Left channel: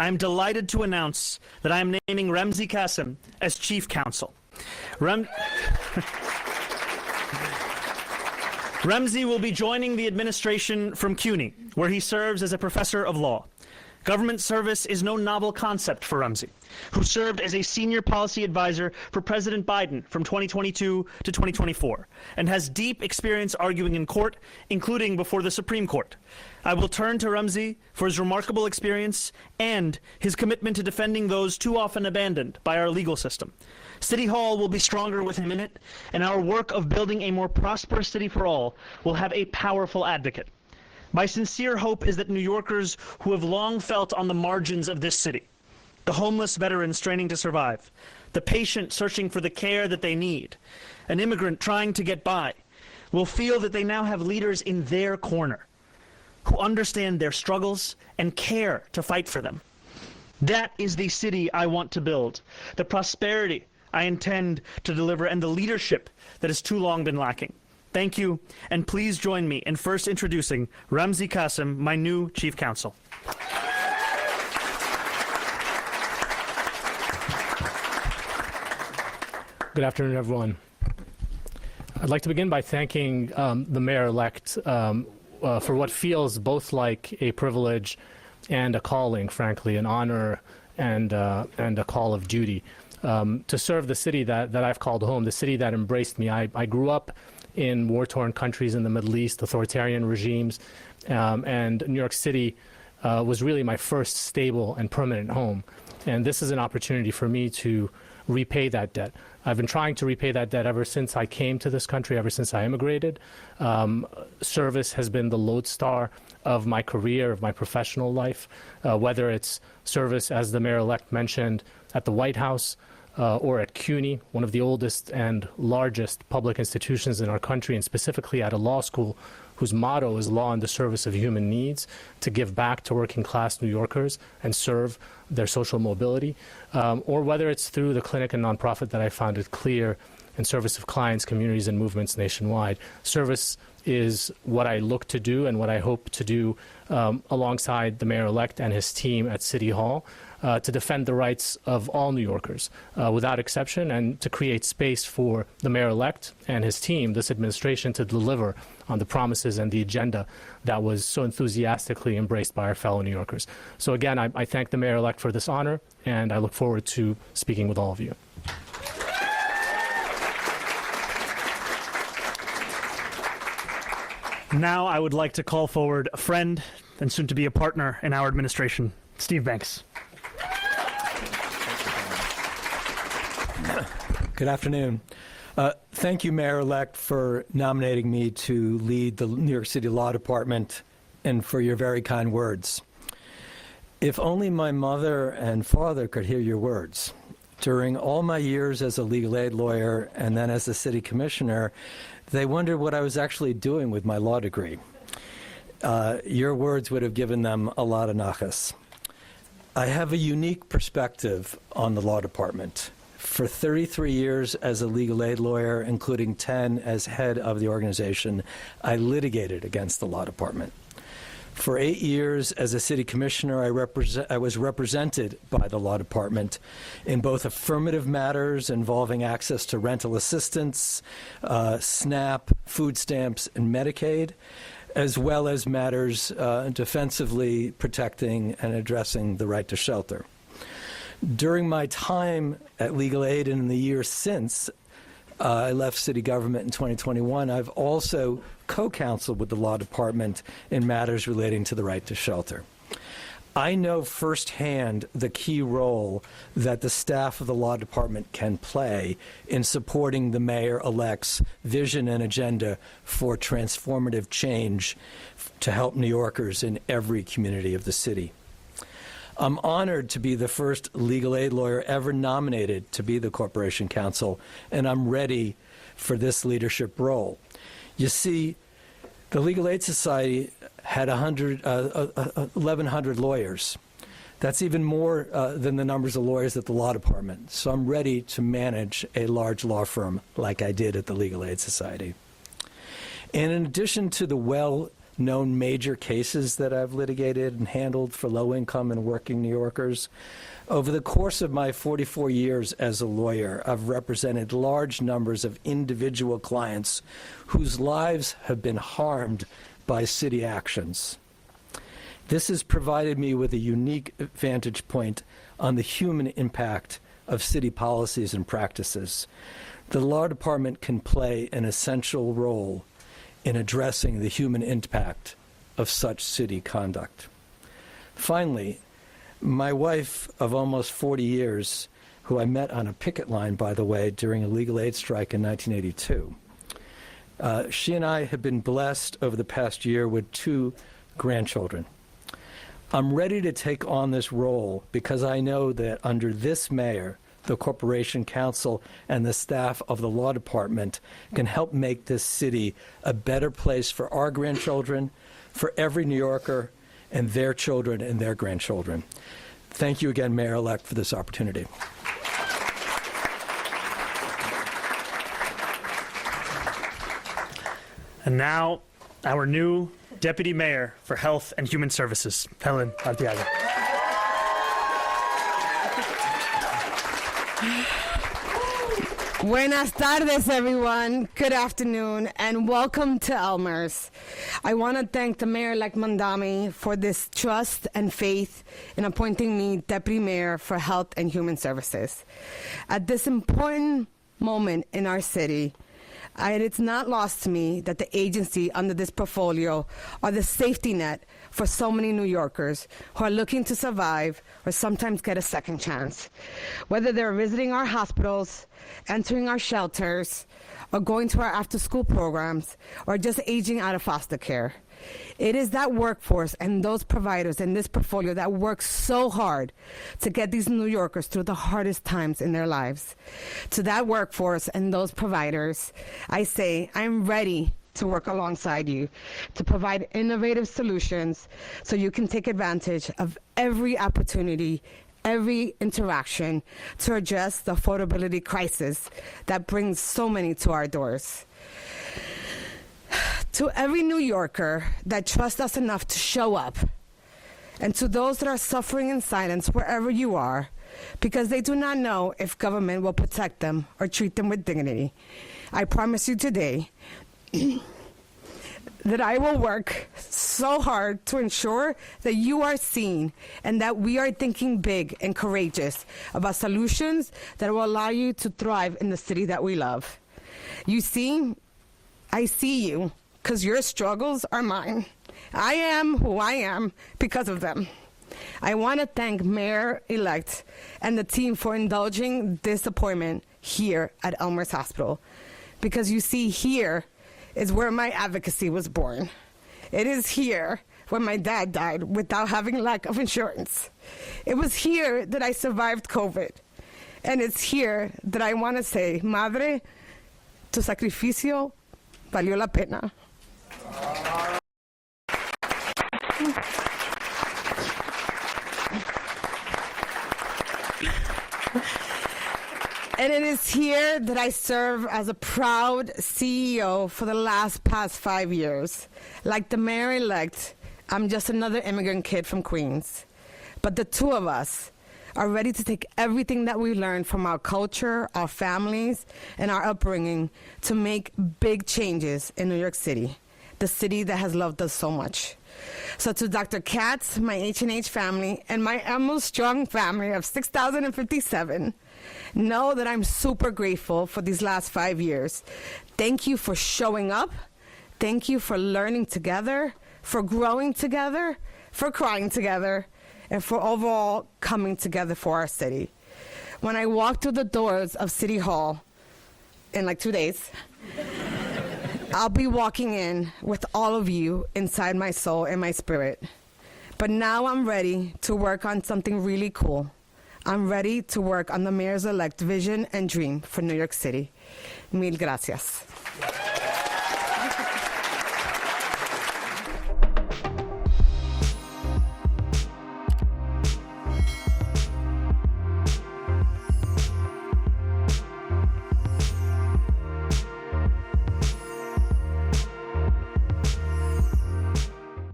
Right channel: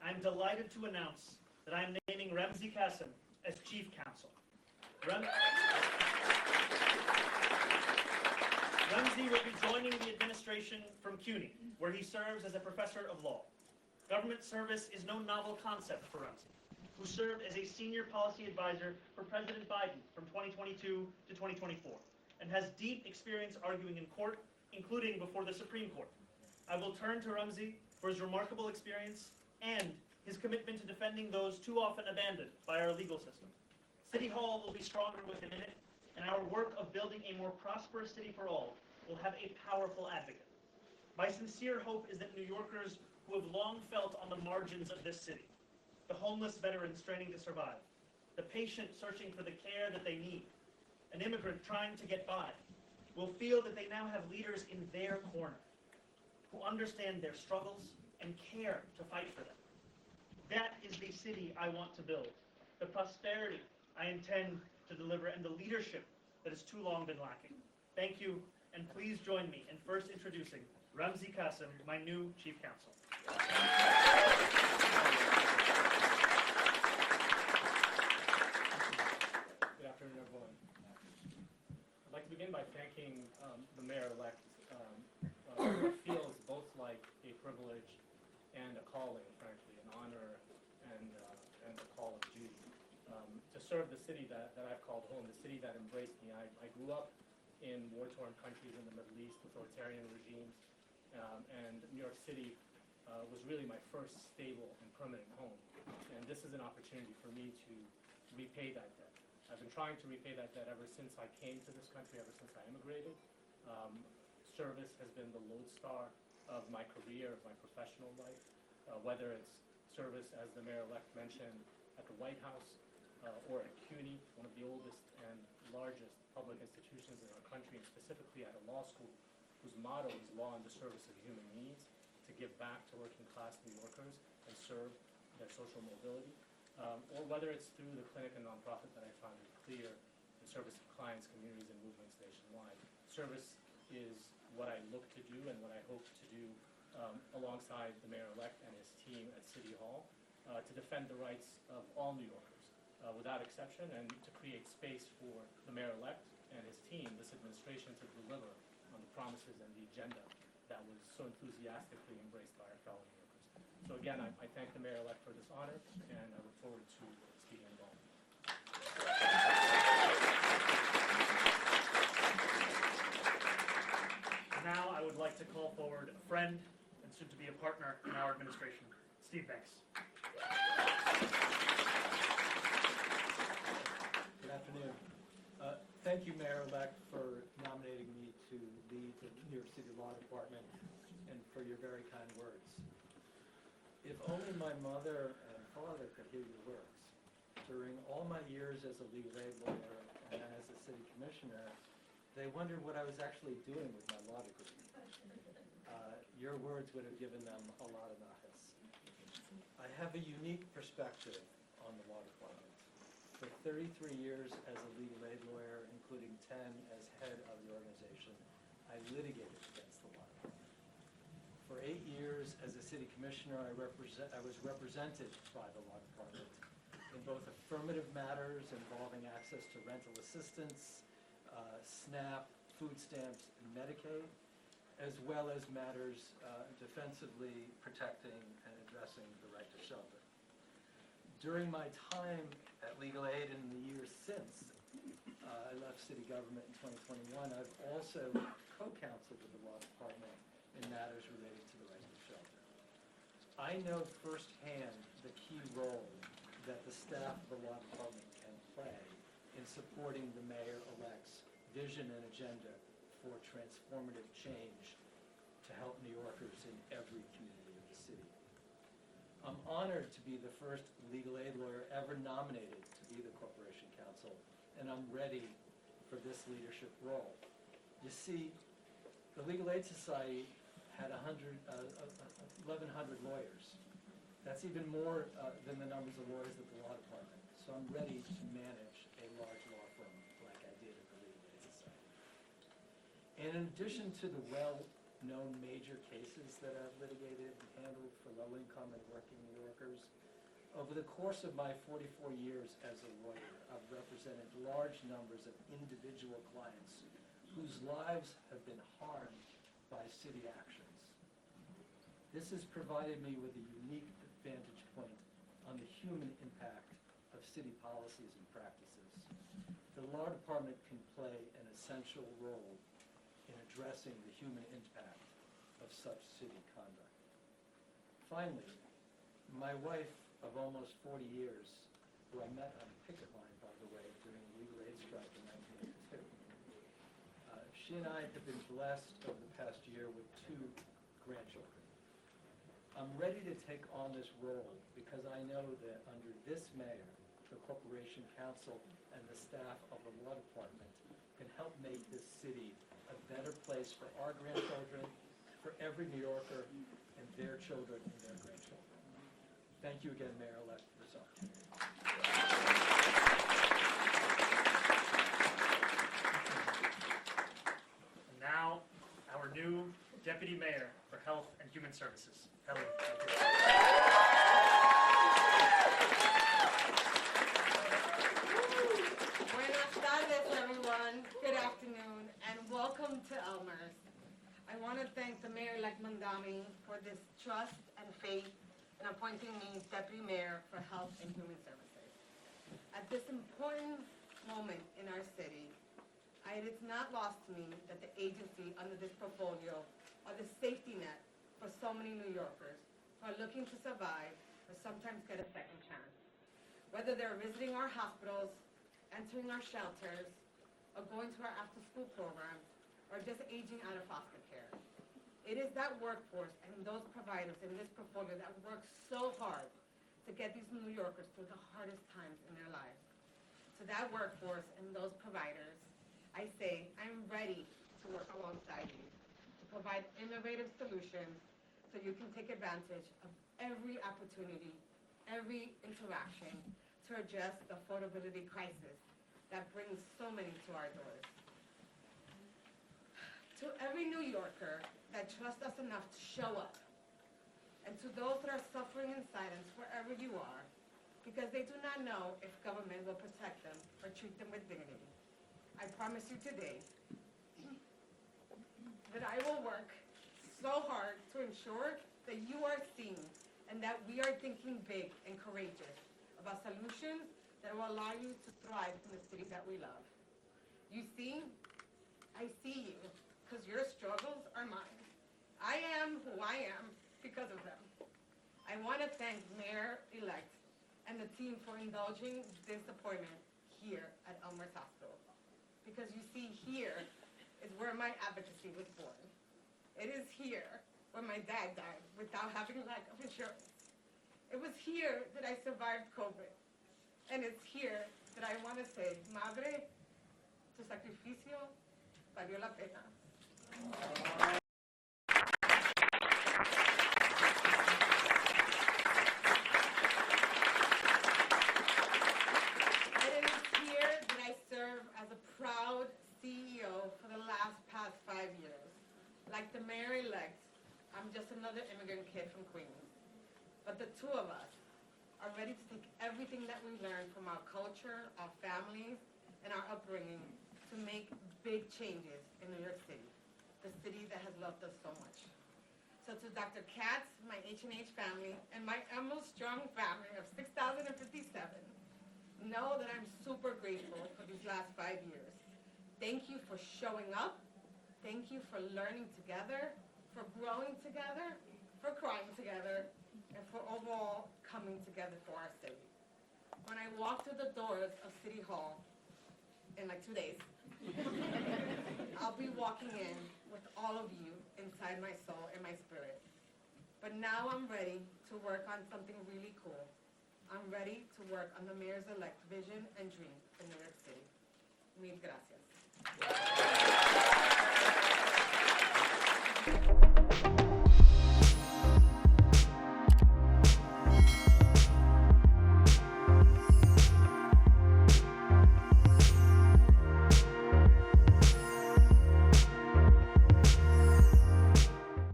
I am delighted to announce that I am naming Ramzi Kassem as Chief Counsel. Ramzi will be joining the administration from CUNY, where he serves as a professor of law. Government service is no novel concept for Ramzi, who served as a senior policy advisor for President Biden from 2022 to 2024, and has deep experience arguing in court, including before the Supreme Court. I will turn to Ramzi for his remarkable experience and his commitment to defending those too often abandoned by our legal system. City Hall will be stronger with him in it, and our work of building a more prosperous city for all will have a powerful advocate. My sincere hope is that New Yorkers who have long felt on the margins of this city, the homeless veteran straining to survive, the patient searching for the care that they need, an immigrant trying to get by, will feel that they now have leaders in their corner who understand their struggles and care to fight for them. That is the city I want to build, the prosperity I intend to deliver, and the leadership that has too long been lacking. Thank you, and please join me in first introducing Ramzi Kassem, my new Chief Counsel. Good afternoon, everyone. I'd like to begin by thanking the Mayor-elect for what feels both like a privilege and a calling, frankly, an honor and a call of duty. To serve the city that I've called home, the city that embraced me. I grew up in war-torn countries in the Middle East, authoritarian regimes, and New York City was really my first stable and permanent home. And this is an opportunity for me to repay that debt. I've been trying to repay that debt ever since I came to this country, ever since I immigrated. Service has been the lodestar of my career, of my professional life, whether it's service, as the Mayor-elect mentioned, at the White House, or at CUNY, one of the oldest and largest public institutions in our country, and specifically at a law school whose motto is law in the service of human needs, to give back to working class New Yorkers and serve their social mobility, or whether it's through the clinic and nonprofit that I founded, CLEAR, in service of clients, communities, and movements nationwide. Service is what I look to do and what I hope to do alongside the Mayor-elect and his team at City Hall, to defend the rights of all New Yorkers without exception, and to create space for the Mayor-elect and his team, this administration, to deliver on the promises and the agenda that was so enthusiastically embraced by our fellow New Yorkers. So again, I thank the Mayor-elect for this honor, and I look forward to speaking with all of you. Now I would like to call forward a friend and soon to be a partner in our administration, Steve Banks. Good afternoon. Thank you, Mayor-elect, for nominating me to lead the New York City Law Department and for your very kind words. If only my mother and father could hear your words. During all my years as a legal aid lawyer and then as a city commissioner, they wondered what I was actually doing with my law degree. Your words would have given them a lot of nachas. I have a unique perspective on the law department. For 33 years as a legal aid lawyer, including 10 as head of the organization, I litigated against the law department. For 8 years as a city commissioner, I was represented by the law department in both affirmative matters involving access to rental assistance, SNAP, food stamps, and Medicaid, as well as matters defensively protecting and addressing the right to shelter. During my time at Legal Aid and in the years since I left city government in 2021, I've also co-counseled with the law department in matters relating to the right to shelter. I know firsthand the key role that the staff of the law department can play in supporting the mayor-elect's vision and agenda for transformative change to help New Yorkers in every community of the city. I'm honored to be the first legal aid lawyer ever nominated to be the Corporation Counsel, and I'm ready for this leadership role. You see, the Legal Aid Society had 1,100 lawyers. That's even more than the numbers of lawyers at the law department. So I'm ready to manage a large law firm like I did at the Legal Aid Society. And in addition to the known major cases that I've litigated and handled for low-income and working New Yorkers. Over the course of my 44 years as a lawyer, I've represented large numbers of individual clients whose lives have been harmed by city actions. This has provided me with a unique vantage point on the human impact of city policies and practices. The law department can play an essential role in addressing the human impact of such city conduct. Finally, my wife of almost 40 years, who I met on a picket line, by the way, during a legal aid strike in 1982, she and I have been blessed over the past year with 2 grandchildren. I'm ready to take on this role because I know that under this mayor, the corporation counsel, and the staff of the law department can help make this city a better place for our grandchildren, for every New Yorker, and their children and their grandchildren. Thank you again, Mayor-elect, for this opportunity. And now, our new Deputy Mayor for Health and Human Services, Helen Arteaga. Buenas tardes, everyone. Good afternoon, and welcome to Elmer's. I want to thank the Mayor-elect Mamdani for this trust and faith in appointing me Deputy Mayor for Health and Human Services. At this important moment in our city, it's not lost to me that the agency under this portfolio are the safety net for so many New Yorkers who are looking to survive or sometimes get a second chance. Whether they're visiting our hospitals, entering our shelters, or going to our after-school programs, or just aging out of foster care. It is that workforce and those providers in this portfolio that work so hard to get these New Yorkers through the hardest times in their lives. To that workforce and those providers, I say, I'm ready to work alongside you to provide innovative solutions so you can take advantage of every opportunity, every interaction to address the affordability crisis that brings so many to our doors. To every New Yorker that trusts us enough to show up, and to those that are suffering in silence wherever you are, because they do not know if government will protect them or treat them with dignity, I promise you today that I will work so hard to ensure that you are seen and that we are thinking big and courageous about solutions that will allow you to thrive in the city that we love. You see, I see you because your struggles are mine. I am who I am because of them. I want to thank Mayor-elect and the team for indulging this appointment here at Elmer's Hospital, because you see, here is where my advocacy was born. It is here where my dad died without having lack of insurance. It was here that I survived COVID. And it's here that I want to say, Madre, tu sacrificio valió la pena. And it is here that I serve as a proud CEO for the past 5 years. Like the mayor-elect, I'm just another immigrant kid from Queens. But the two of us are ready to take everything that we learned from our culture, our families, and our upbringing to make big changes in New York City, the city that has loved us so much. So to Dr. Katz, my H&H family, and my almost strong family of 6,057, know that I'm super grateful for these last 5 years. Thank you for showing up. Thank you for learning together, for growing together, for crying together, and for overall coming together for our city. When I walk through the doors of City Hall in like 2 days, I'll be walking in with all of you inside my soul and my spirit. But now I'm ready to work on something really cool. I'm ready to work on the mayor's elect vision and dream for New York City. Mil gracias.